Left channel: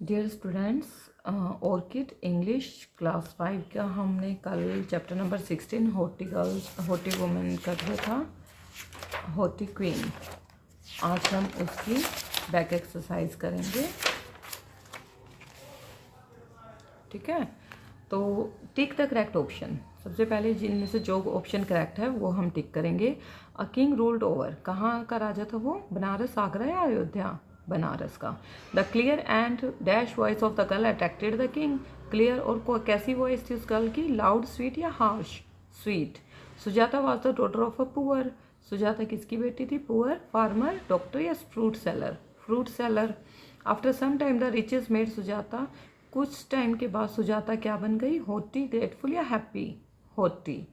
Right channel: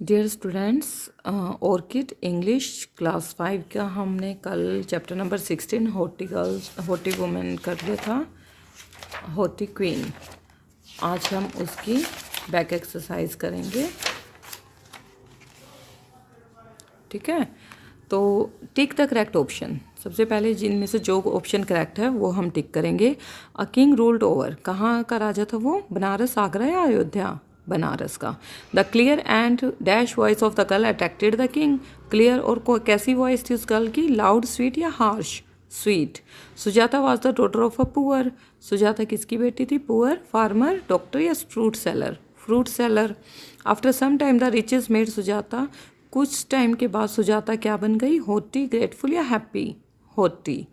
Dear students, orchid English class 5 का हमने कल चैप्टर नंबर 16 होटी वुमेन कर दिया था, होटी क्वीन। आज हम उसकी बैक एक्सरसाइज करेंगे। ठीक है, तो टिक द करेक्ट ऑप्शन। सबसे पहले जिनमें से जो ऑप्शन करेक्ट है वो हम टिक करेंगे। अ किंग रूल्ड ओवर, कहाँ का राजा था वो? बनारस, आगरा या अयोध्या? बनारस का। The clear and dash voice of the girl attracted the king. Clear और कैसी वॉइस थी उस गर्ल की? लाउड, स्वीट या harsh? Sweet. Sujata was the daughter of a poor. Sujata किसकी बेटी थी? पुअर फार्मर, डॉक्टर या fruit seller? Fruit seller. After some time the riches made Sujata, कुछ टाइम के बाद सुजाता क्या बन गई? होटी, ग्रेटफुल या happy? Haughty.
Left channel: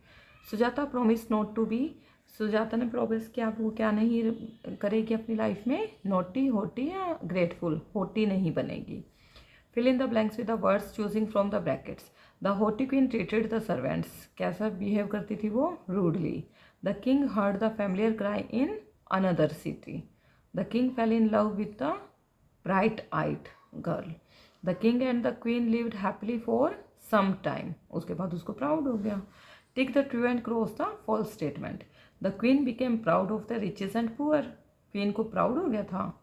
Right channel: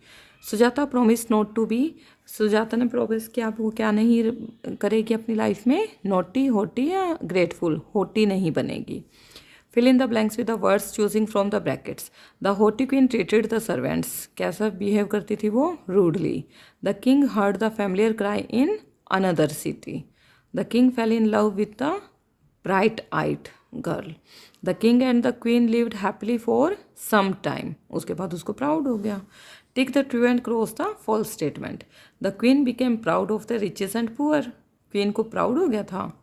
Sujata promise not to be, Sujata ने प्रोमिस किया वो क्या नहीं करेगी अपनी लाइफ में? नोटी, होटी या ग्रेटफुल? होटी नहीं बनेगी। Fill in the blanks with the words choosing from the brackets. The haughty queen treated the servants, कैसा बिहेव करती थी वो? Rudely. The king heard the familiar cry in another city. The king fell in love with the bright eyed girl. The king and the queen lived happily for some time, उसके बाद उसको proud हो गया। Tick the true and cross the false statement. The queen became proud of the riches and poor, queen को proud हो गया था।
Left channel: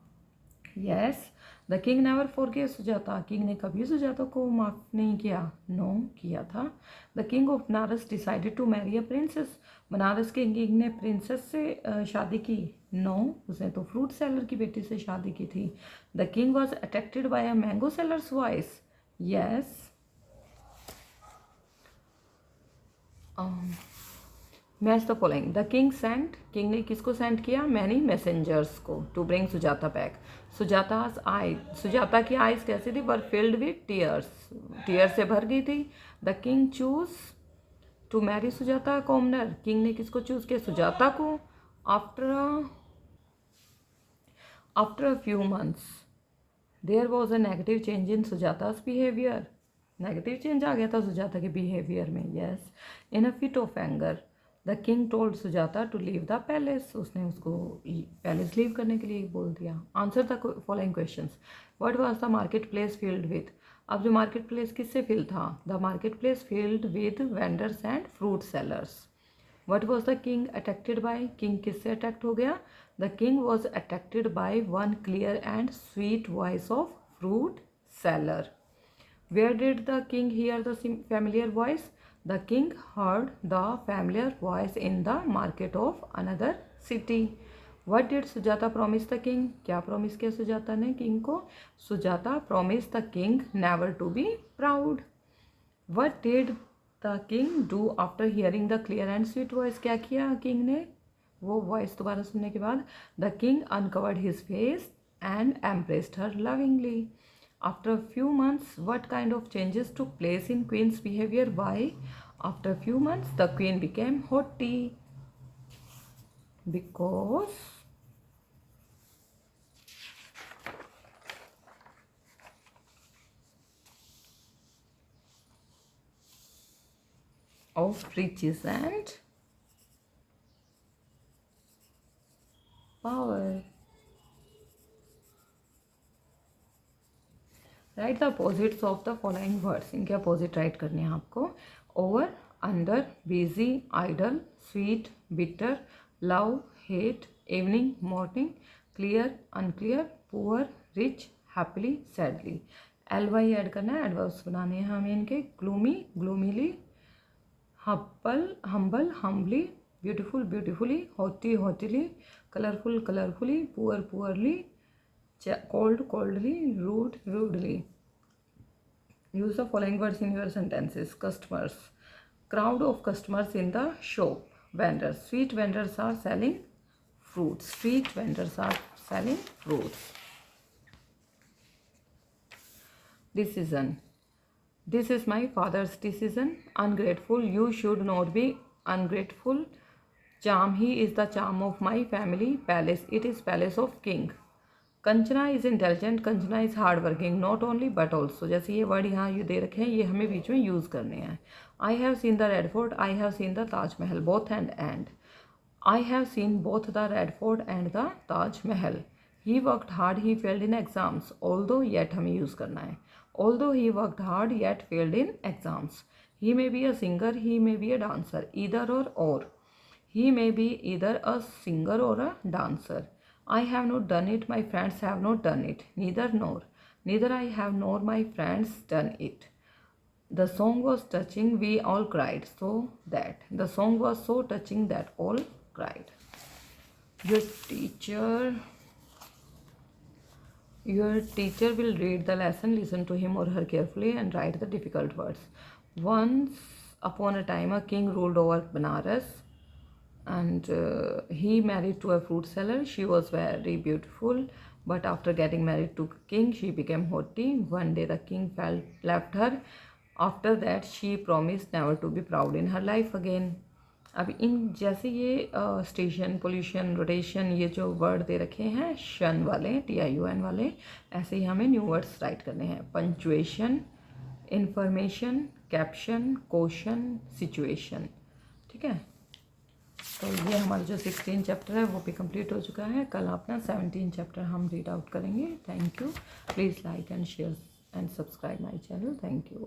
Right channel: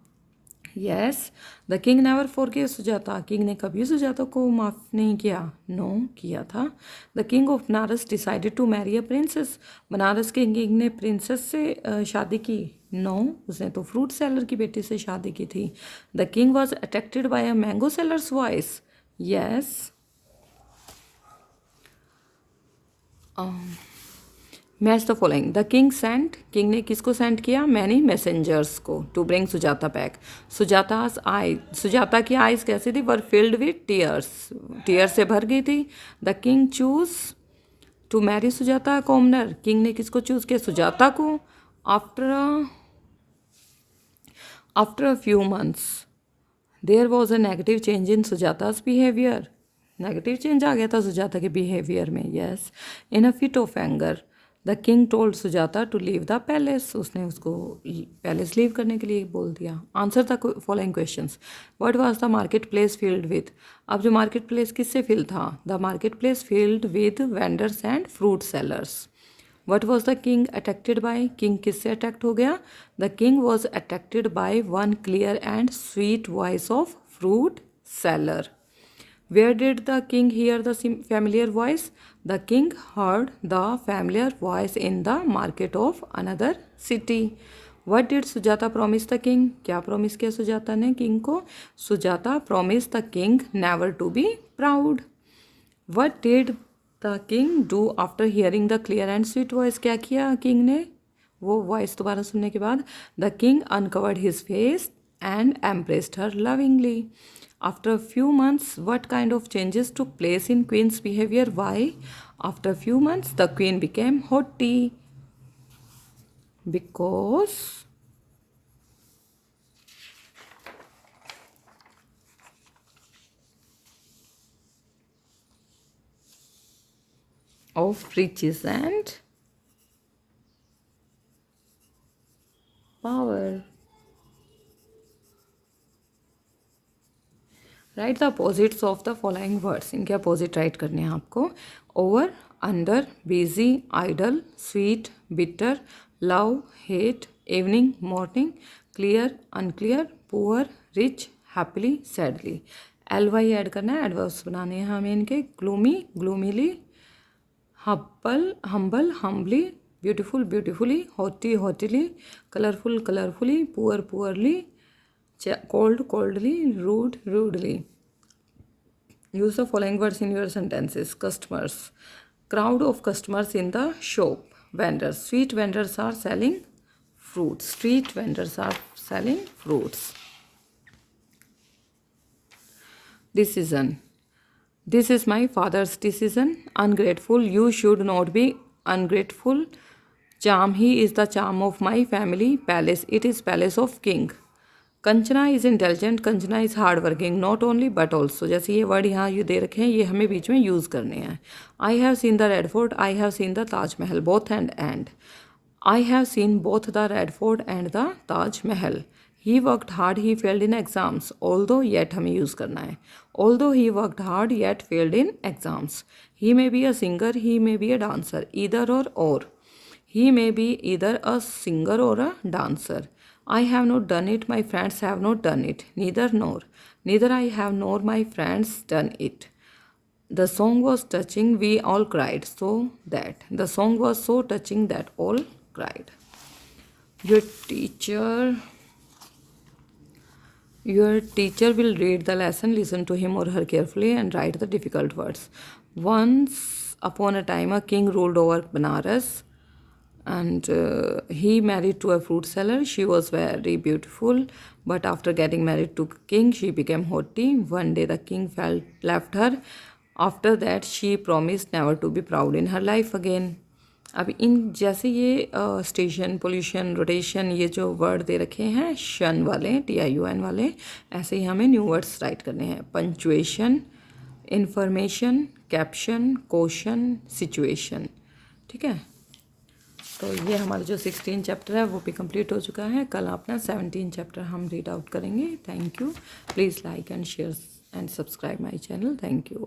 Yes. The king never forgive Sujata, king ने कभी सुजाता को माफ़ नहीं किया? नो, किया था। The king of Banaras decided to marry a princess, Banaras के किंग ने प्रिंसेस से शादी की? नो, उसने तो फ्रूट सेलर की बेटी से शादी की थी। The king was attracted by a mango seller's voice. Yes. Match the following. The king sent, king ने किसको सेंड किया? मैनी मैसेंजर्स को टू ब्रिंग सुजाता बैक। सुजाता's आई, सुजाता की आइज कैसी थी? Were filled with tears, tears से भर गई थी। The king choose to marry Sujata commoner, king ने किसको चूज किया? सुजाता को। After a few months there was a negative change in Sujata's behaviour, negative change आ गया था सुजाता के बिहेवियर में। Yes. In a fit of anger the king told Sujata to leave the palace, उसने उसको पैलेस लीव करने के लिए बोल दिया। Answer the following questions. What was the market place filled with? अब जो मार्केट प्लेस किससे फिल था? The market place filled with vendors and fruit sellers. What was the king attracted by, king किससे अट्रैक्ट हो गया? The king was attracted by one clear and sweet voice of fruit seller. Where did the king hear the familiar voice? The king heard the familiar voice in the market of another city. What did Sujata promise the king? क्या promise किया सुजाता ने king को? Sujata promised the king never to be proud. What did the king do after hearing the clear and sweet voice? क्या किया king ने वो voice दोबारा सुनने के बाद? The king uncovered his face and embraced her lovingly. After a few months, what kind of changes took place in queen's behavior? Why? After a few months, the queen became haughty because of riches and power. Write the opposites of the following words, इनके opposite write करने हैं आपको। Over, under, busy, idle, sweet, bitter, love, hate, evening, morning, clear, unclear, poor, rich, happily, sadly. L Y add करना है, adverbs बनाने हैं हमें इनके। Gloomy, gloomily, humble, humbly, beautiful, beautifully, haughty, haughtily, colourful, colourfully, poor, poorly, cold, coldly, rude, rudely. Use the following words in your sentences. Customers, crowd of customers in the shop. Vendors, street vendors are selling fruits. Street vendors are selling fruits. Decision, this is my father's decision. Ungrateful, you should not be ungrateful. Charm, he is the charm of my family. Palace, it is palace of king. Kanchana is intelligent, Kanchana is hard working, not only but also. जैसे ये word यहाँ ये दे रखे हैं, ये हमें बीच में use करने हैं। I have seen the Red Fort, I have seen the Taj Mahal, both and. I have seen both the Red Fort and the Taj Mahal. He worked hard he failed in exams, although yet हमें use करना है, although he worked hard yet failed in exams. He may be a singer, he may be a dancer, either or he may be either a singer or a dancer. I have not done it, my friends have not done it, neither I have nor my friends done it. The song was touching, we all cried, so that the song was so touching that all cried. Your teacher your teacher will read the lesson, listen to him or her carefully, and write the difficult words. Once upon a time, a king ruled over Banaras, and he married to a fruit seller. She was very beautiful, but after getting married to king, she became haughty. One day, the king felt left her. After that, she promised never to be proud in her life again. अब इन जैसे ये station, pollution, rotation, ये जो word दे रखे हैं शन वाले, TIUN वाले, ऐसे ही हमें न्यू वर्ड्स राइट करने हैं। Punctuation, information, caption, question, situation. ठीक है, तो ये हमारा जो 16 चैप्टर है वो भी कंप्लीट हो चुका है। कल अपना 17 चैप्टर हम रीड आउट करेंगे। Thank you. Please like and share and subscribe my channel. Thank you.